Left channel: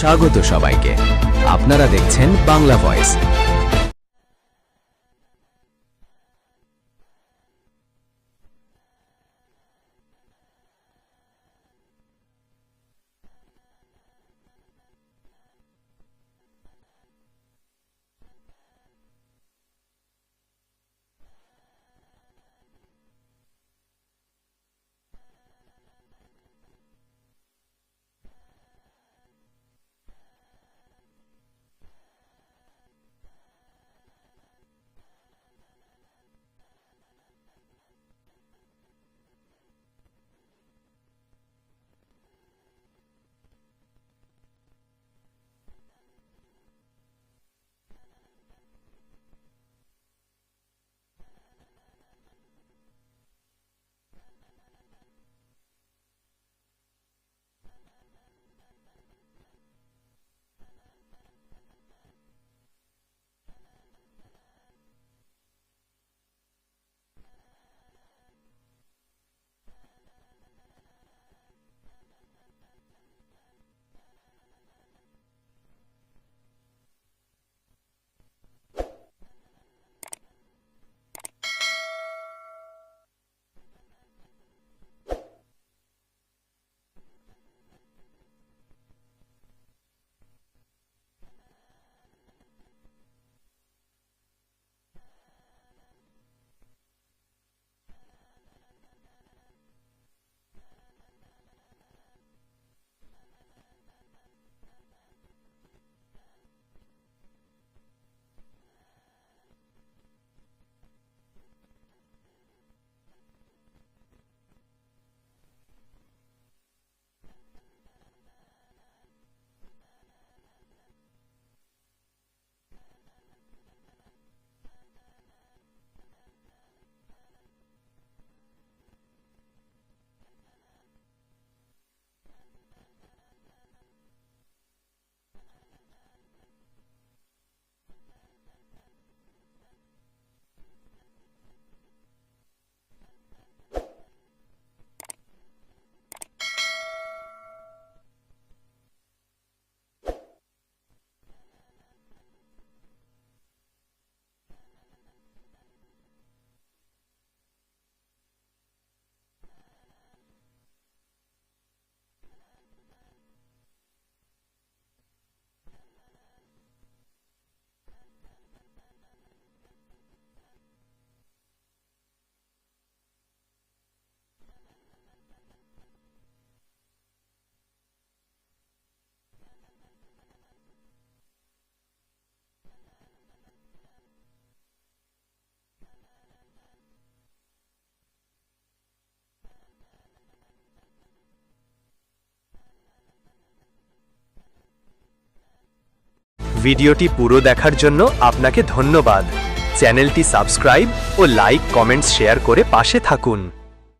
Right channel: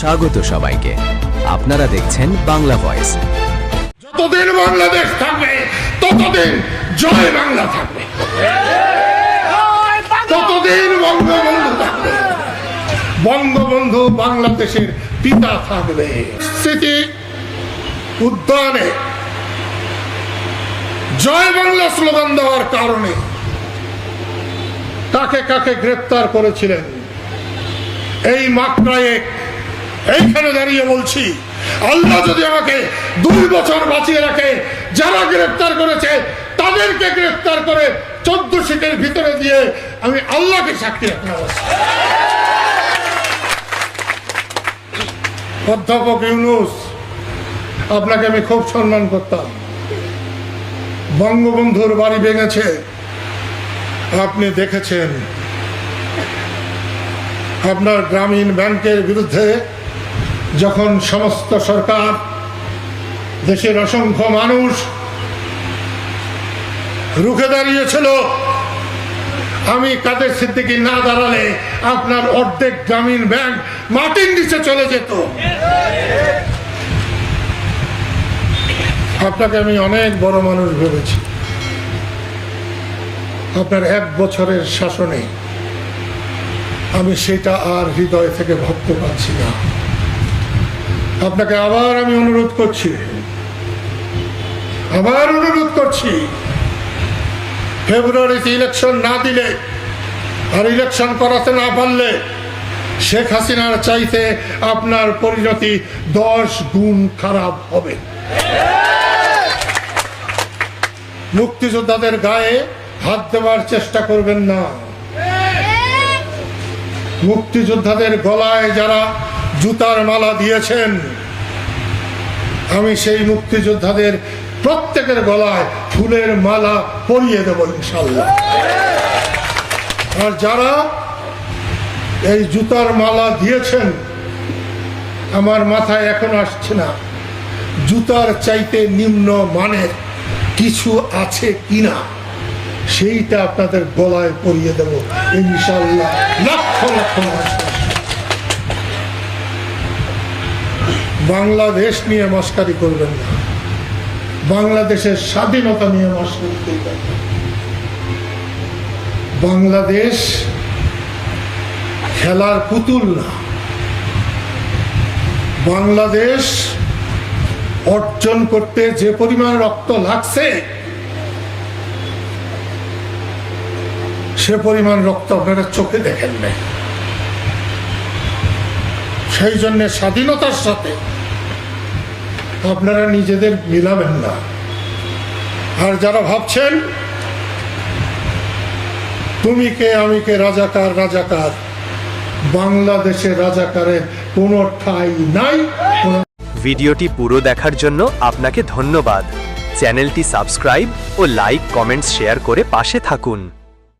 স্বাগত সবাইকে। আপনারা দেখছেন বাংলা ভয়েস। যতদিন বাংলাদেশ থাকবে, ততদিন জয় বাংলা থাকবে। ততদিন বঙ্গবন্ধু থাকবে। বঙ্গবন্ধু বাংলাদেশের পিতা থাকবে। স্মৃতি উদ্যানে জয় বাংলা স্লোগান দেওয়ার কারণে কাকে কাকে গ্রেপ্তার করেছিলেন? এই মাত্রায় এইখানে দাঁড়িয়ে বলছি, আল্লাহ যদি আমাকে দুই বছর বাঁচিয়ে রাখে, যারা গ্রেফতার করেছে, তাদেরকে গ্রেফতার করে চোদ্দ সিটের ভিতরে দিয়ে আমি আল্লাহকে সাক্ষী রাখলাম অধ্যাপক ইউনুস, আপনাকে আমি খুব সম্মান করতাম। বঙ্গবন্ধুর বাড়ি ভেঙেছে। আপনি দেখেছেন, আপনার গ্রামীণ ব্যাংকের বিরুদ্ধে যখন সমস্ত সরকার, দেশের অসংখ্য মানুষ রুখে দাঁড়িয়েছিল, আমি কাদের সিদ্দিকি না দাঁড়ালে আপনার অর্ধেক গ্রামীণ ব্যাংক মাটির নিচে চলে যেত। আপনাকে আমি অনেক বড় মানুষ ভেবেছি। আপনার এক বছরের শাসনে আমি সেটা আর হৃদয় থেকে ভাবতে পারছি না। আপনাকে আবার আমি অনুরোধ করছি। আবার অনুরোধ করছি। ফেব্রুয়ারিতে ইলেকশন না দিলে আর ইলেকশন করাতে না পারলে শেখ হাসিনার চাইতে আপনার পরিণতি দশ গুণ খারাপ হবে। মুক্তিযোদ্ধাদের গায়ে হাত দেওয়ার চেষ্টা করবেন না। মুক্তিযোদ্ধাদের গলায় যারা জুতার মালা দিয়েছেন। আমি সেই মুক্তিযোদ্ধাদের প্রত্যেকের গলায় ফুলের মালা পরিয়ে দেব ইনশাল্লাহ আর যারা এই জুতার মালা দিয়েছেন, আমার মাথায় এখন আসছে না, জুতার চাইতে নিম্ন মানের কিছু আছে কিনা, সেইটা আপনাদের গলায় পরিয়ে দেব ইনশাল্লাহ লক্ষ লক্ষ মানুষ। বাংলাদেশ নিয়ে মস্কারি করবেন না। বাংলাদেশের স্বাধীনতা নিয়ে মস্কারি করবেন। বাংলাদেশ খেলার পুতুল না। বাংলাদেশ অর্জন করতে যে পরিমাণ রক্ত লাগছে, সে পরিমাণ রক্ত আপনারা চোখে দেখেন নাই। সেই জন্য স্বাধীনতার সাথে আপনারা নিজেদের মিলাবেন না। আর যারা ভাবছেন, তুমি কে, আমি কে, রাজাকার রাজাকার? বাংলাদেশে রাজাকারের কোনো ঠাঁই নাই। ভিডিওটি পুরো দেখার জন্য আপনাকে ধন্যবাদ। চ্যানেলটি সাবস্ক্রাইব ও লাইক, কমেন্টস, শেয়ার করে পাশে থাকুন।